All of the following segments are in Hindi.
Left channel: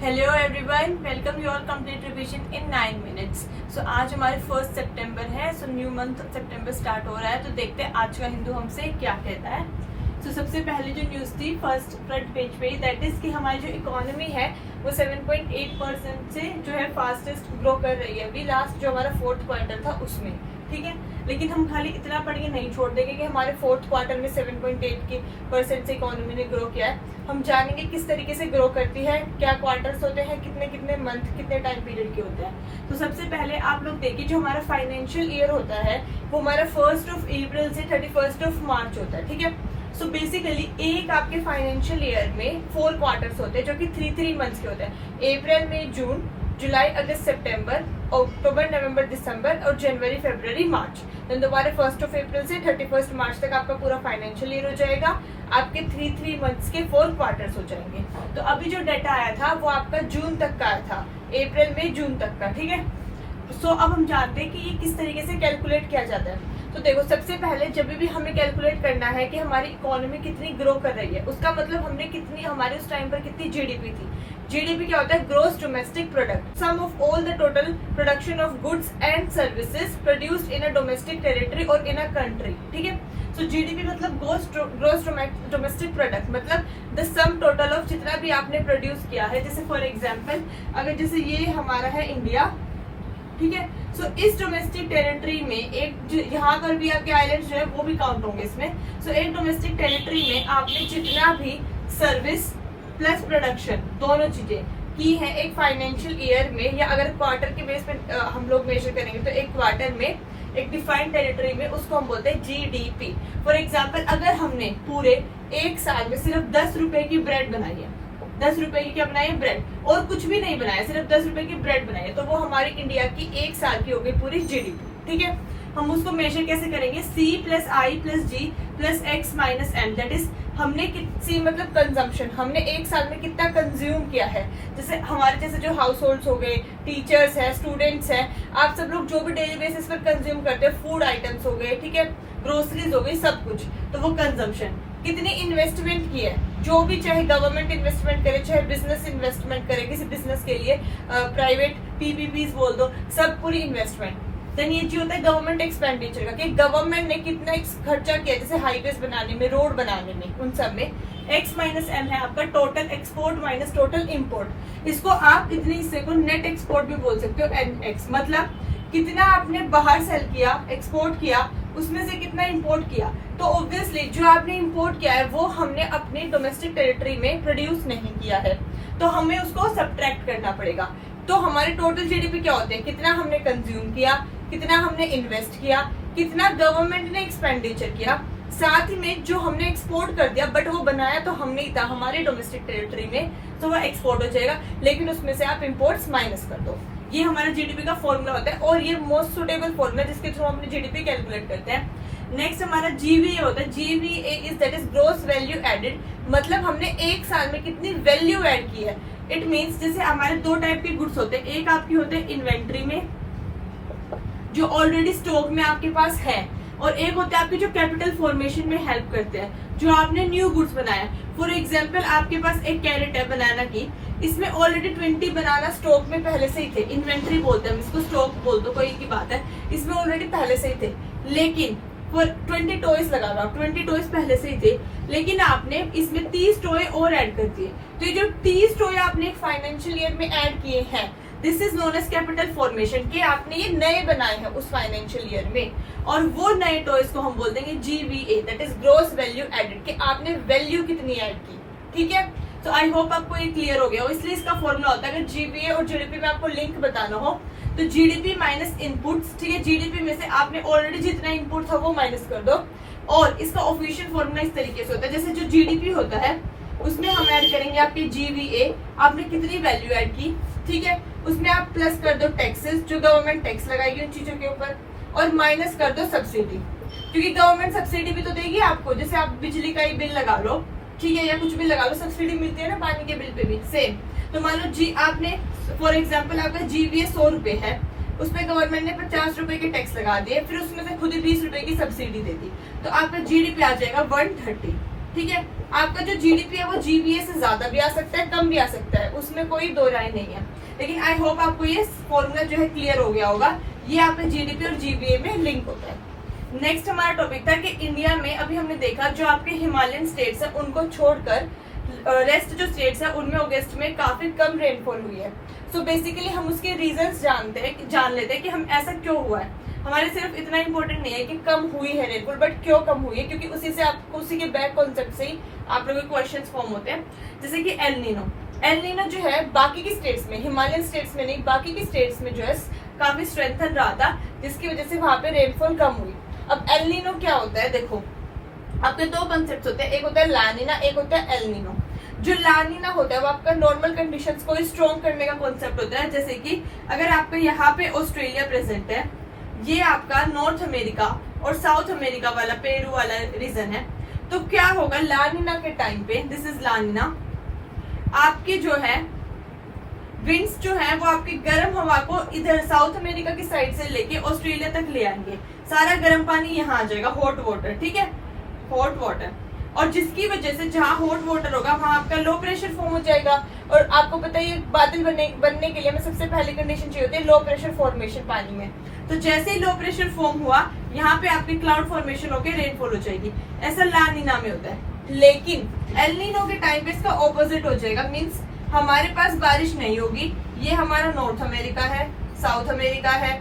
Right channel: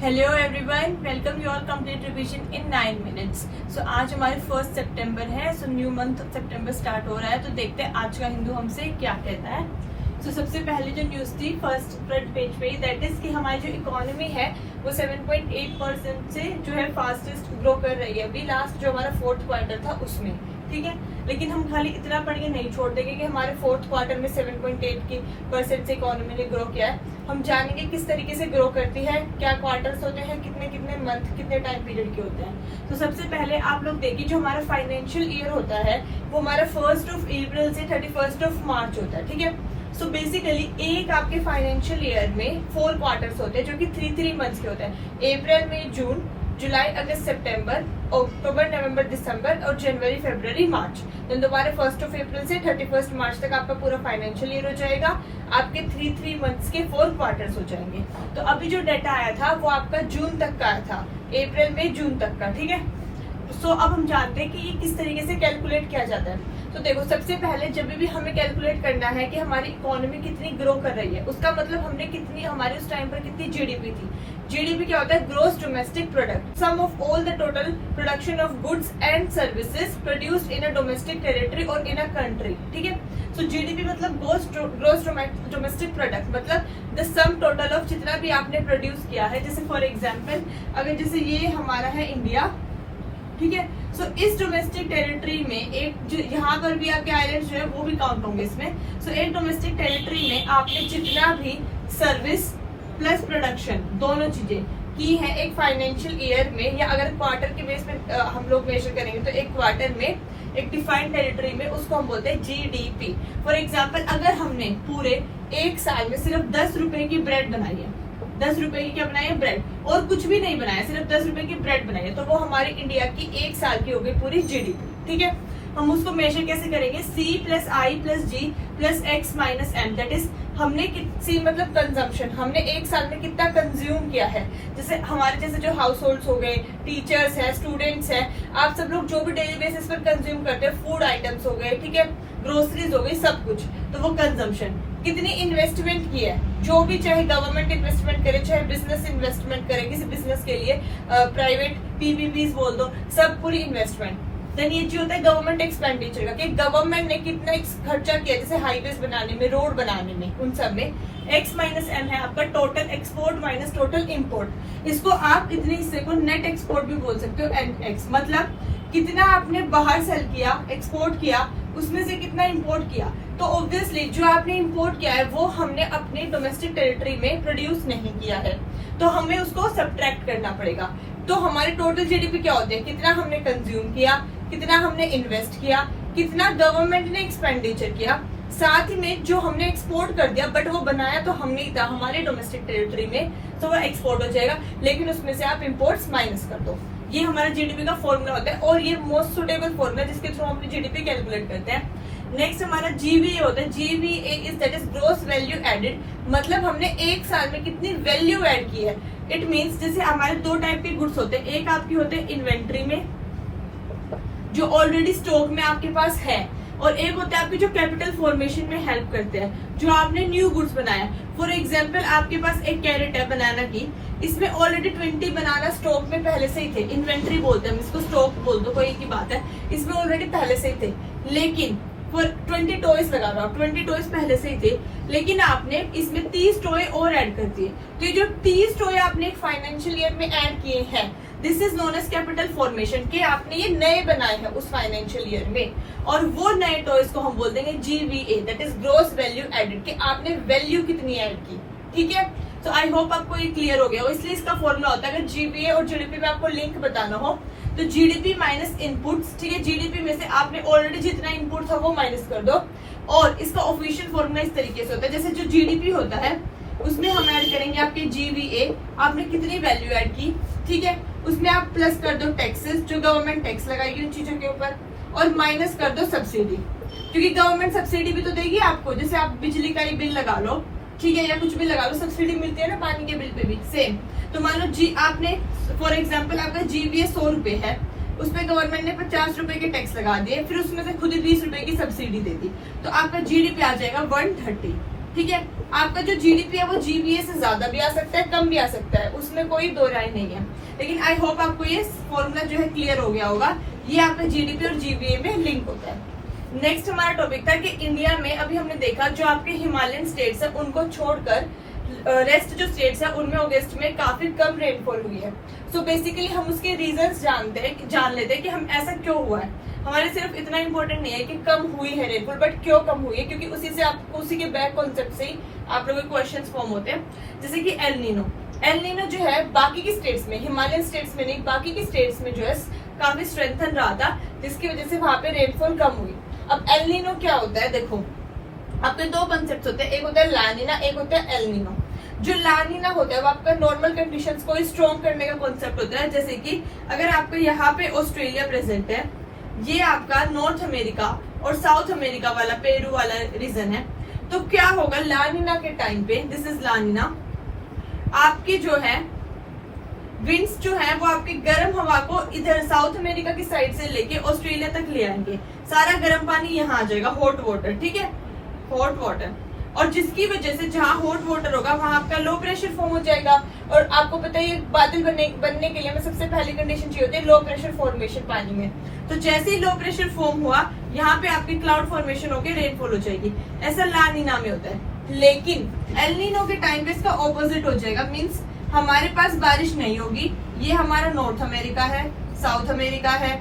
Hello everyone, welcome you all complete revision in 9 minutes. So आज हमारे 1 सितंबर है। सो न्यू मंथ सितंबर स्टार्ट हो रहा है, तो देखते हैं आज का हिंदू हमसे क्या कहता है। सो सबसे पहले जो न्यूज थी फर्स्ट फ्रंट पेज पे, दैट इज कि हमारी जो इकोनॉमी है वो 7.8% से जो है फास्टेस्ट ग्रो कर रही है अभी लास्ट जो हमारा फोर्थ क्वार्टर था उसमें। ठीक है, लेकिन हम खाली इतना पढ़ के नहीं छोड़ देंगे कि हमारे फोर्थ क्वार्टर में 7.8% से इकोनॉमी ने ग्रो किया है। हम जानेंगे किस तरीके से ग्रो करती है, क्या क्वार्टर्स होते हैं, कितने कितने मंथ, कितने टाइम पीरियड के होते हैं। तो सबसे पहले आप लोग देखिए, जो हमारा फाइनेंशियल ईयर होता है वो हमारा 1 अप्रैल से 31 मार्च होता है। ठीक है, सो बेसिकली एक आपके फाइनेंशियल ईयर में 4 क्वार्टर्स होते हैं जो कि 3 मंथ्स के होते हैं। अप्रैल, मई, जून, जुलाई, अगस्त, सितंबर, अक्टूबर, नवंबर, दिसंबर और जनवरी, फरवरी, मार्च। देन दोबारा 1 अप्रैल से 31 मार्च तक आपका पूरा फाइनेंशियल ईयर हो जाएगा। आपके 3 मंथ्स के 4 क्वार्टर्स हो जाएंगे। तो अभी जो डेटा आया था वो आपका जून तक का आया था, अप्रैल में जून तक का। ठीक है, सो अब हम जानते हैं कि ये किस तरीके से कैलकुलेट किया जाता है। तो देखो, सबसे पहले जब भी हमें कैलकुलेट करना है कि हमारी इकोनॉमी कितनी ग्रो कर रही है, उसका मतलब हमने कितनी, हमारे उस टाइम पर कितनी जीडीपी थी। जीडीपी क्या होता है? Gross domestic product, sum of all the total production of goods and services produced in a domestic territory और इन अ कंट्री। ठीक है, सो जीडीपी मतलब ग्रोस डोमेस्टिक प्रोडक्ट, मतलब द सम टोटल ऑफ जितना भी आपने प्रोड्यूस किया है। जैसे फॉर एग्जाम्पल, अगर जैसे ये हमारा है इंडिया, ठीक है, सो इस डोमेस्टिक टेरिटरी में एक यहाँ पर भी आपके आइलैंड्स जो है वो भी काउंट होंगे इसमें। सो एक डोमेस्टिक टेरिटरी में आपने जितना भी सर्विस प्लस प्रोडक्शन दोनों चीजें की है एक फाइनेंशियल ईयर में, या अगर क्वार्टर के बेस पे हम लोग मेजर करेंगे तो एक क्वार्टर में एक डिफाइंड टेरिटरी में उसको हम बोलते हैं जीडीपी। फॉर एग्जाम्पल, अगर हमने पूरे एक साल में सिर्फ 10 रुपए की ब्रेड बनाई है, 10 रुपए की क्या बनाई है? ब्रेड, और कुछ भी नहीं बनाया, सिर्फ 10 रुपए की ब्रेड बनाई है, तो वो हमारी इंडिया की एक साल की हो गई पूरी जीडीपी। ठीक है, हम उसको मेजर कैसे करेंगे? C plus I plus G plus X minus M, that is हमने C मतलब कंजम्पशन, हमने एक साल में कितना कंज्यूम किया है। जैसे हमारे जैसे जो हाउस होल्ड हो गए, टीचर्स है, स्टूडेंट्स है, आप सब लोग जो भी डेली बेसिस पर कंज्यूम करते हैं, फूड आइटम्स हो गए, ठीक है, ग्रोसरीज हो गई, सब कुछ, तो वो कंजम्पशन। कितनी इन्वेस्टमेंट की है, जो भी, चाहे गवर्नमेंट इन्वेस्टमेंट करे, चाहे बिजनेस इन्वेस्टमेंट करे, किसी बिजनेस के लिए प्राइवेट पीपीपीज बोल दो, सब पूरी इन्वेस्टमेंट। देन ये जो होता है गवर्नमेंट एक्सपेंडिचर का, कि गवर्नमेंट ने कितना खर्चा किया, जैसे हाईवेज बनाने में, रोड बनाने में, उन सब में। एक्स माइनस एम है आपका total export minus total import. इसको आप इतने हिस्से को नेट एक्सपोर्ट भी बोल सकते हो, NX, मतलब कितना आपने बाहर सेल किया, एक्सपोर्ट किया, उसमें से कितना इंपोर्ट किया। तो ऑब्वियसली जो आपने इंपोर्ट किया है वो हमने अपने डोमेस्टिक टेरिटरी में प्रोड्यूस नहीं किया है, तो हमें उसको सब्ट्रैक्ट करना पड़ेगा। तो हमारे टोटल जीडीपी क्या होते हैं? कितना हमने कंज्यूम किया, कितना हमने इन्वेस्ट किया, कितना गवर्नमेंट ने एक्सपेंडिचर किया, साथ ही में जो हमने एक्सपोर्ट कर दिया, बट वो बनाया तो हमने ही था हमारे डोमेस्टिक टेरिटरी में, तो वो एक्सपोर्ट हो जाएगा, लेकिन उसमें से आप इम्पोर्ट्स माइनस कर दो। ये हमारा जीडीपी का फॉर्मूला होता है, और ये मोस्ट सुटेबल फॉर्मूला जिसके थ्रू हम अपनी जीडीपी कैलकुलेट करते हैं। नेक्स्ट हमारा जीवीए होता है। GVA is that is gross value added, मतलब हमने एक साल में कितनी वैल्यू ऐड की है। इट मीन्स जैसे हमारे 2 टाइप के गुड्स होते हैं, एक आपकी होते हैं इन्वेंट्री में, जो ऑलरेडी स्टॉक में आपके पास है, और एक होता है आपके जो कैपिटल फॉर्मेशन में हेल्प करते हैं, जो आपने न्यू गुड्स बनाया। फॉर एग्जांपल, आपके पास एक कैरेट है बनाना की, इसमें ऑलरेडी 20 बनाना स्टॉक में पहले से ही थे, इन्वेंट्री बोलते हैं इसको, स्टॉक बोल दो, कोई एक ही बात है, इसमें ऑलरेडी पहले से ही थे। लेकिन 20 टॉयज लगा रहा, 20 टॉयज पहले से ही थे, लेकिन आपने इसमें 30 टॉय और ऐड कर दिए। तो ये जो 30 टॉय आपने एक फाइनेंशियल ईयर में ऐड किए हैं, this is known as capital formation, कि आपने ये नए बनाए हैं उस फाइनेंशियल ईयर में, और वो नए टॉयज को हम बोल देंगे GVA, that is gross value added, कि आपने वैल्यू कितनी ऐड की। ठीक है, तो आई होप आपको ये क्लियर हो गया हो। इसलिए इसका फॉर्मूला होता है, अगर जीवीए और जीडीपी में आपको लिंक बताना हो तो जीडीपी माइनस इनपुट्स। ठीक है, जीडीपी में से आपने ऑलरेडी जितना इनपुट था वो माइनस कर दो, और इसका ऑफिशियल फॉर्मूला इस तरीके से होता है, जैसे जो जीडीपी होता है उसमें हम ऐड करेंगे आपके जीवीए, आपने कितनी वैल्यू ऐड की, ठीक है, उसमें आप प्लस कर दो टैक्सेस, जो गवर्नमेंट टैक्स लगाएगी उन चीजों के ऊपर, और माइनस कर दो सब्सिडी, क्योंकि गवर्नमेंट सब्सिडी भी तो देगी आपको। जैसे आप बिजली का ही बिल लगा लो, ठीक है, या कुछ भी लगा लो, सब्सिडी मिलती है ना पानी के बिल पे भी, सेम। तो मान लो जी आपने फॉर एग्जाम्पल आपका जीवीए 100 रुपए है, उसमें गवर्नमेंट ने 50 रुपए के टैक्स लगा दिए, फिर उसमें से खुद 20 रुपए की सब्सिडी दे दी, तो आपका जीडीपी आ जाएगा 130। ठीक है। आपका जो जीडीपी है वो जीबीए से ज्यादा भी आ सकता है, कम भी आ सकता है, उसमें कोई दो राय नहीं है। लेकिन आई होप आपको ये फॉर्मूला जो है क्लियर हो गया होगा। ये आपका जीडीपी और जीबीए में लिंक होता है। नेक्स्ट हमारा टॉपिक था कि इंडिया में अभी हमने देखा जो आपके हिमालयन स्टेट्स है उनको छोड़कर रेस्ट जो स्टेट्स है उनमें अगस्त में काफी कम रेनफॉल हुई है। सो बेसिकली हम उसके रीजंस जान लेते हैं कि हम ऐसा क्यों हुआ है। हमारे सिर्फ इतना इम्पोर्टेंट नहीं है कि कम हुई है रेनफॉल, बट क्यों कम हुई है, क्योंकि उसी के बैक कॉन्सेप्ट से ही आप लोगों के क्वेश्चंस फॉर्म होते हैं। जैसे कि एल नीनो जो है बाकी की स्टेट्स में, हिमालयन स्टेट्स में नहीं, बाकी की स्टेट्स में जो है काफी स्ट्रेंथन रहा था, जिसकी वजह से वहां पे रेनफॉल कम हुई। अब एल नीनो क्या होता है, देखो आपके दो कॉन्सेप्ट होते हैं, एक होता है ला नीना, एक होता है एल नीनो। जो ला नीना होता है वो आपका नॉर्मल कंडीशंस को स्ट्रॉन्ग करने का कॉन्सेप्ट होता है। जैसे कि अगर आपका यहाँ पे ऑस्ट्रेलिया प्रेजेंट है, ये आपका नॉर्थ अमेरिका और साउथ अमेरिका वाला पेरू वाला रीजन है, तो क्या होगा ला नीना के टाइम पे, दिस इज ला नीना, आपके जो है विंड्स जो है वो आपकी गर्म हवा को इधर साउथ अमेरिका की साइड से लेके ऑस्ट्रेलिया तक ले आएंगे। सारा गर्म पानी यहाँ आ जाएगा, हॉट वाटर, ठीक है, हॉट वाटर। और जिसकी वजह से जहाँ हॉट वाटर होगा वहां आपका लो प्रेशर फॉर्म हो जाएगा। और आपको पता है बादल बनने के लिए हमें सबसे पहली कंडीशन चाहिए होती है लो प्रेशर फॉर्मेशन पानी में। तो जैसे ही लो प्रेशर फॉर्म हुआ यहाँ पे आपकी क्लाउड फॉर्मेशन होकर रेनफॉल हो जाएगी। ऐसा ला नीना में होता है। लेकिन एल नीनो के टाइम पे इसका ऑपोजिट हो जाएगा, मीन्स हमारे पास बारिश नहीं होगी। ये हमारा नॉर्थ अमेरिका है, साउथ अमेरिका है,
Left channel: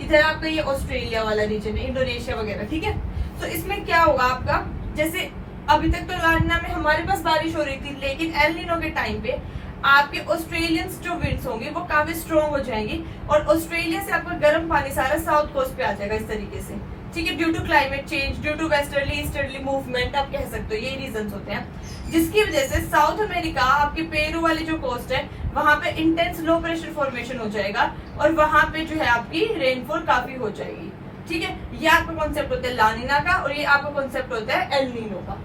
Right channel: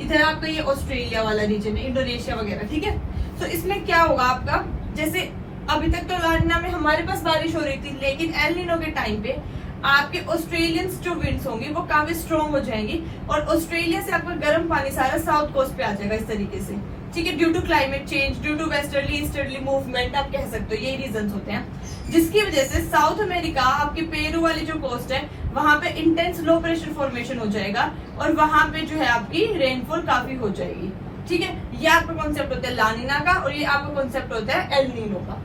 इधर आपका ये ऑस्ट्रेलिया वाला रीजन है, इंडोनेशिया वगैरह, ठीक है। तो इसमें क्या होगा आपका, जैसे अभी तक तो ला नीना में हमारे पास बारिश हो रही थी, लेकिन एल नीनो के टाइम पे आपके ऑस्ट्रेलियंस जो विंड्स होंगी वो काफी स्ट्रॉन्ग हो जाएंगी और ऑस्ट्रेलिया से आपका गर्म पानी सारा साउथ कोस्ट पे आ जाएगा इस तरीके से, ठीक है। Due to climate change, due to westerly easterly movement आप कह सकते हो, यही रीजंस होते हैं, जिसकी वजह से साउथ अमेरिका आपके पेरू वाली जो कोस्ट है वहां पे इंटेंस लो प्रेशर फॉर्मेशन हो जाएगा और वहां पे जो है आपकी रेनफॉल काफी हो जाएगी, ठीक है। ये आपका कॉन्सेप्ट होता है ला नीना का और ये आपका कॉन्सेप्ट होता है एल नीनो का।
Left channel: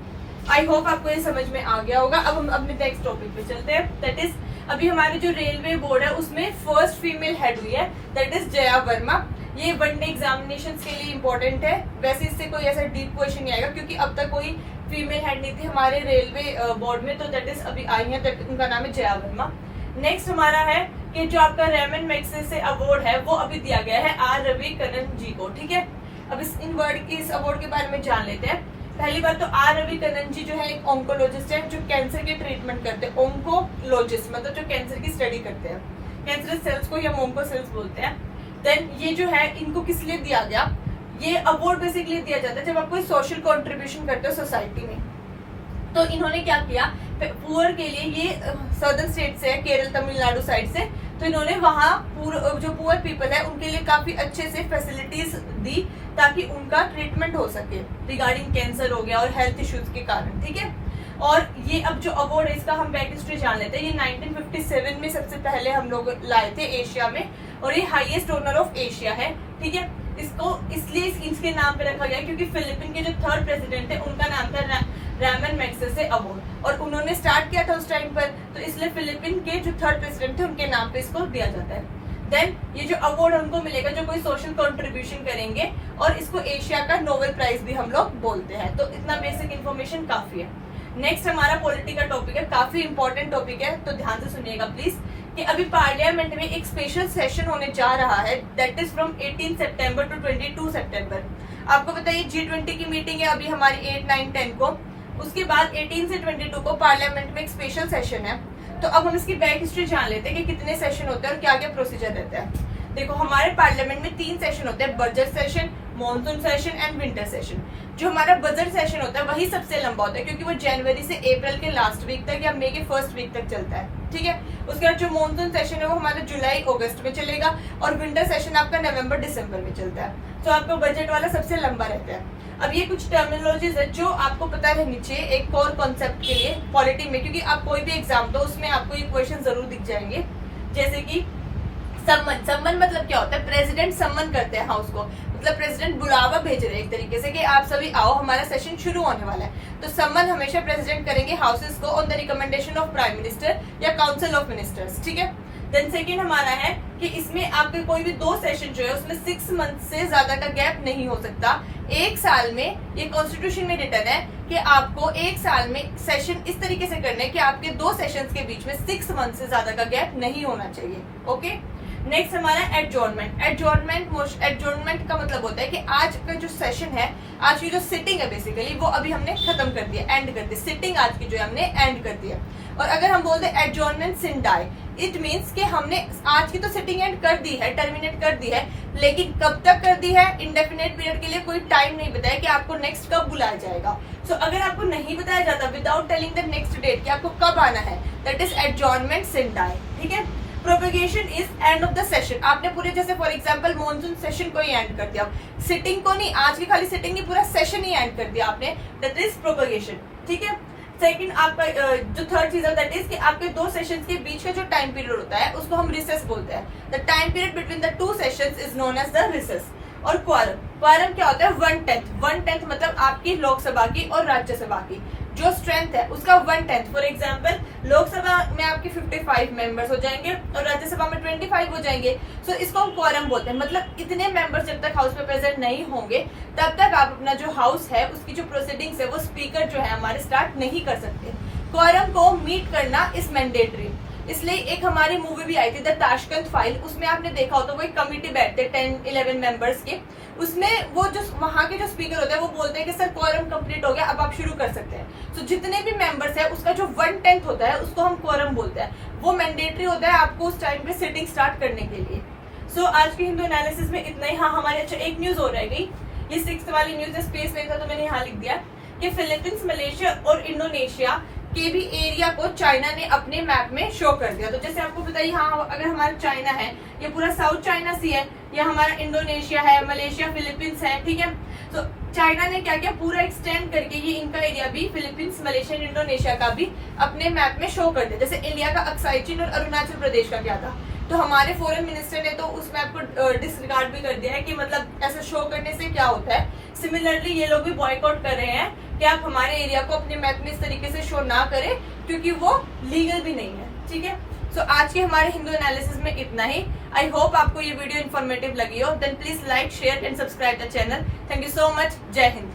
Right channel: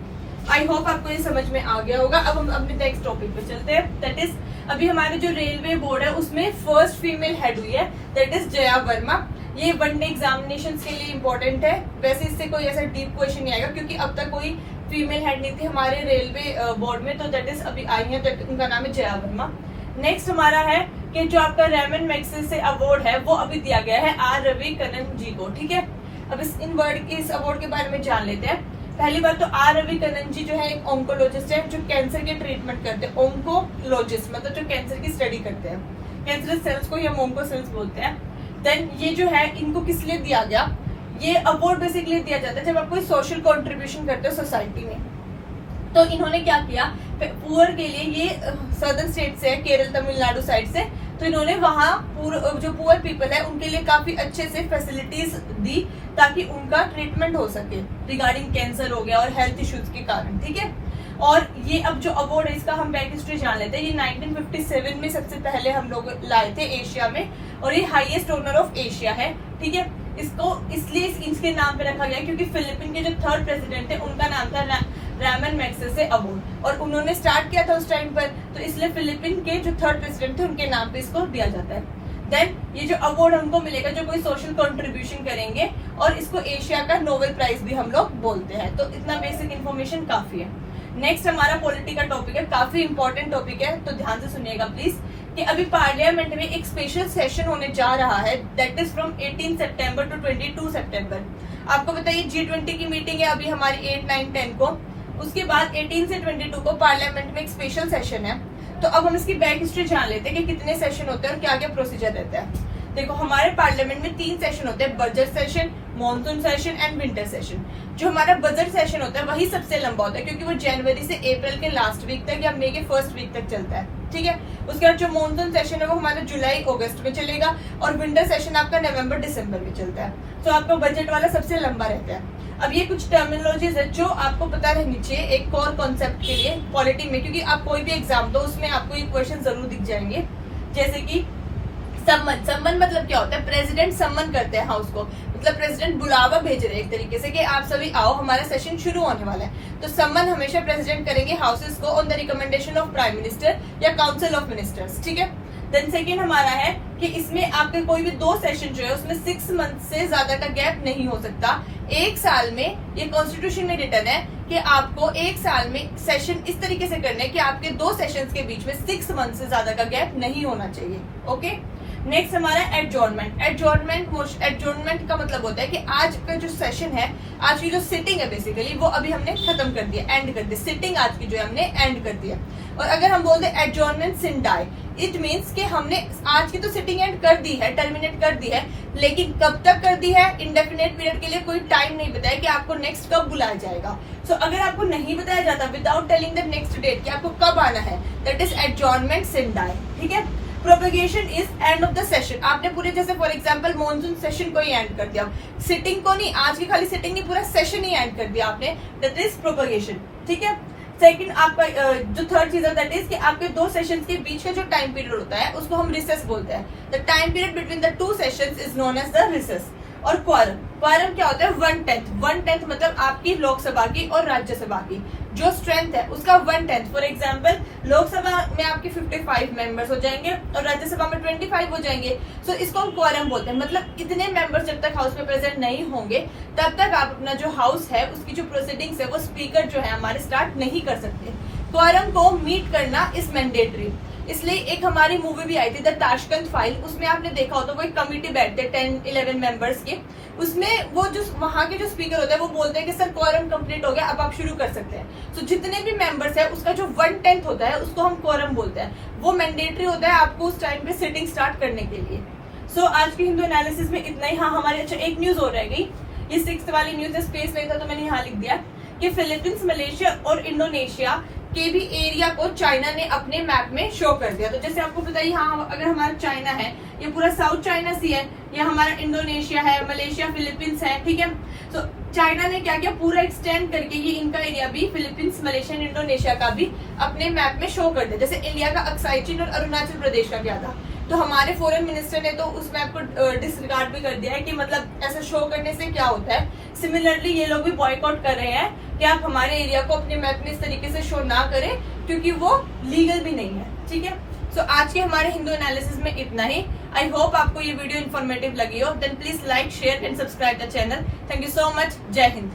आई होप आपको ये समझ में आ गया होगा। अब हम अपने नेक्स्ट टॉपिक पे चलते हैं, दैट इज अभी हमारे जो रेलवे बोर्ड है उसमें फर्स्ट फीमेल हेड हुई है, दैट इज जया वर्मा। ये वनडे एग्जामिनेशन के लिए इम्पोर्टेंट है, वैसे इससे कोई ऐसा डीप क्वेश्चन नहीं आएगा क्योंकि अब तक कोई फीमेल हेड नहीं थी हमारे रेलवे बोर्ड में, तो दैट इज अभी आई है, उनका नाम है जया वर्मा। नेक्स्ट हमारा है कि जो आपका रेमन मैग्सेसे अवार्ड है वो अभी दिया गया है आर रविकरन जी को, ठीक है। अब इस अवार्ड के बारे में जान लेते हैं। पहली बात तो आर रविकरन जी जो है एक ऑन्कोलॉजिस्ट है जो कैंसर के ट्रीटमेंट करते हैं। ऑन्कोलॉजिस्ट मतलब जो कैंसर की स्टडी करते हैं, कैंसर सेल्स को हम ऑन्को सेल्स बोलते हैं। देन ये जो है इनको किस लिए दिया गया, ये अवार्ड बेसिकली दिया जाता है जब आप कोई सोशल कंट्रीब्यूशन करते हो सोसाइटी में। तो इन्होंने क्या किया, पुअर के लिए, ये सदर्न स्टेट से है, केरल तमिलनाडु साइड से, तो इन्होंने वहाँ जो पुअर पीपल है उनके लिए काफी अच्छे से फैसिलिटीज दी ताकि उनका ट्रीटमेंट हो सके रिगार्डिंग कैंसर हो गया और हेल्थ इश्यूज के कारण, ठीक है। और ये अब जो अवार्ड है इसका हम बैक हिस्ट्री जान लेते हैं। ये 1957 में सबसे पहले हम लोग लाए थे एशिया में और ये हाईएस्ट ऑनर ऑफ एशिया है, ठीक है। इसको इसलिए इसके नाम पे रखा गया क्योंकि फिलीपीन के जो थर्ड प्रेसिडेंट थे उनका नाम था रेमन मैग्सेसे अवार्ड और उन्होंने स्टार्ट किया था उस टाइम पर, तो इसलिए फिलीपीन के जो थर्ड प्रेसिडेंट थे उनके नाम पे इसको दिया जाता है। देन ये जो अवार्ड हमको मिलेगा जो कोई सोशल कंट्रीब्यूशन करेंगे और इसको एशिया का नोबेल प्राइज भी हम लोग बोलते हैं। तो इतना बेसिक इन्फॉर्मेशन काफी है। नेक्स्ट हमारा पॉलिटी का टॉपिक है, काफी इंपॉर्टेंट टॉपिक है, तो ध्यान से सुनिएगा प्लीज कि अभी पार्लियामेंट में एक स्पेशल सेशन होने जा रहा है, दैट इज फ्रॉम 18 सितंबर टू 22 सितंबर। आपको बताइए G20 की मीटिंग है अभी हमारी 8, 9, 10 को, उसके बाद 18 से 22 को पार्लियामेंट में एक स्पेशल सेशन है। तो अब हम इसकी बैक हिस्ट्री जान लेते हैं कि कितने सेशन होते हैं और क्या क्या प्रोसीजर रहता है। देखो हमारे पार्लियामेंट में 3 सेशन होते हैं, budget session, monsoon session and winter session. जो हमारा बजट सेशन होता है वही सबसे लंबा होता है क्योंकि वो जनवरी से अप्रैल के लास्ट वीक तक या मई के फर्स्ट वीक तक चलता है, ठीक है। उसके बाद जो मॉनसून सेशन है वो हमारा जुलाई अगस्त में चलेगा और विंटर सेशन आपका नवंबर दिसंबर में चलता है। तो आपका बजट वाला सबसे लंबा रहता है। अब ये कुछ टर्मिनोलॉजीज है जो आपको पता रहनी चाहिए एक कोर कॉन्सेप्ट के लिए पॉलिटी में, क्योंकि आप कोई भी एग्जाम दो उसमें आपको ये क्वेश्चन जरूर दिख जाएंगे। जैसे कि सम्मन मतलब क्या होता है, प्रेसिडेंट सम्मन करते हैं हाउस को, मतलब प्रेसिडेंट बुलावा भेज रहे हैं एक तरीके से कि आप सभी आओ हमारा सेशन शुरू होने वाला है। तो सम्मन हमेशा प्रेसिडेंट करेंगे हाउसेस को on the recommendation of prime minister या काउंसिल ऑफ मिनिस्टर्स, ठीक है। देन सेकंड हमारा है कि इसमें आपके कोई भी 2 सेशन जो है उसमें 6 मंथ से ज्यादा का गैप नहीं हो सकता। एक साल में ये कॉन्स्टिट्यूशन में रिटर्न है कि आपको एक साल में सेशन इस तरीके से करने कि आपके 2 सेशंस के बीच में 6 मंथ से ज्यादा का गैप नहीं होना चाहिए। ओके, नेक्स्ट हमारा एडजॉर्नमेंट। एडजॉर्नमेंट का मतलब होता है कि आज का जो सेशन है, आज की जो सिटिंग है बेसिकली, वो अभी हमने खत्म कर दिया, एंड कर दी। सिटिंग आज की जो है हमने एंड कर दिया। और अगर हम बोलते हैं adjournment sine die, it means कि हमने आज की तो सिटिंग एंड कर दी है, टर्मिनेट कर दी है, लेकिन कब तक कर दी है, इंडेफिनेट पीरियड के लिए कोई टाइम नहीं बताया कि आपको नेक्स्ट कब बुलाया जाएगा। सो अगर आपको नहीं बताया जाता without telling the next date कि आपको कब आना है, that is adjournment sine die. ठीक है। Propagation is end of the session. आपने पूरे जैसे फॉर एग्जांपल मॉनसून सेशन को ही एंड कर दिया, सिटिंग को नहीं, आज की खाली सिटिंग नहीं, पूरा सेशन ही एंड कर दिया आपने, दैट इज प्रोपेगेशन। ठीक है। सेकंड आपका जो थर्ड चीज है दैट इज कि आपके 2 सेशंस के बीच का जो टाइम पीरियड होता है उसको हम रिसेस बोलते हैं। The time period between the 2 sessions is known as the recess. और क्वारम क्या होता है? 1/10 मतलब आपकी लोकसभा की और राज्यसभा की जो स्ट्रेंथ है उसका 1/10। फॉर एग्जाम्पल लोकसभा में आपके 55 मेंबर्स हो जाएंगे और राज्यसभा में 25 हो जाएंगे। सो इसको हम क्वारम बोलते हैं। मतलब इतने मेंबर्स जब तक हाउस में प्रेजेंट नहीं होंगे तब तक आप अपना जो हाउस है उसकी जो प्रोसीडिंग्स है वो स्पीकर जो है हमारे स्टार्ट नहीं कर सकते। क्वारम को मीट करना इज मैंडेटरी। इसलिए एक हमारी मूवी भी आई थी द ताशकंद फाइल, उसमें आपने देखा हो तो वो एक कमिटी बैठते 10-11 मेंबर्स के, उसमें वो जो वहां के जो स्पीकर होता है वो बोलते हैं कि सर क्वारम कंप्लीट हो गया, अब आप शुरू कर सकते हैं। तो जितने भी मेंबर्स है उसका जो 1/10 होता है उसको हम क्वारम बोलते हैं। वो मैंडेटरी होता है आपको उस टाइम पे सिटिंग स्टार्ट करने के लिए। सो आज की हिंदू एनालिसिस में इतना ही। हाँ, हमारे अच्छा एक न्यूज हो रहेगी, ये 6th वाली न्यूज है, स्पेस नहीं था तो मैंने यहाँ लिख दिया कि फिलीपींस, मलेशिया और इंडोनेशिया के भी एरिया को चाइना ने अपने मैप में शो कर दिया। तो जैसे आपको बताइए, हाँ अगर हमारा चाइना है, ये पूरा साउथ चाइना सी है, ये हमारा इंडोनेशिया है, मलेशिया, फिलीपींस है। ठीक है। तो चाइना ने क्या किया, पूरा एक्सटेंड करके ये इनका एरिया भी फिलीपींस, मलेशिया, इंडोनेशिया का भी अपने मैप में शो कर दिया। जैसे इंडिया का अक्साई चीन और अरुणाचल प्रदेश का क्या था, तो हमारे फॉरेन मिनिस्टर ने तो उस मैप को डिसरिगार्ड भी कर दिया है कि मतलब ऐसा शो करने से क्या होता है। सिमिलरली ये लोग भी बॉयकॉट कर रहे हैं कि आप हमारे एरिया को अपने मैप में इस तरीके से शो ना करें क्योंकि वो लीगल भी नहीं है। ठीक है। सो आज के हमारे हिंदू एनालिसिस में इतना ही। आई होप आपको ये वीडियो इन्फॉर्मेटिव लगी हो। Then please like, share and subscribe the channel. Thank you so much. जय हिंद।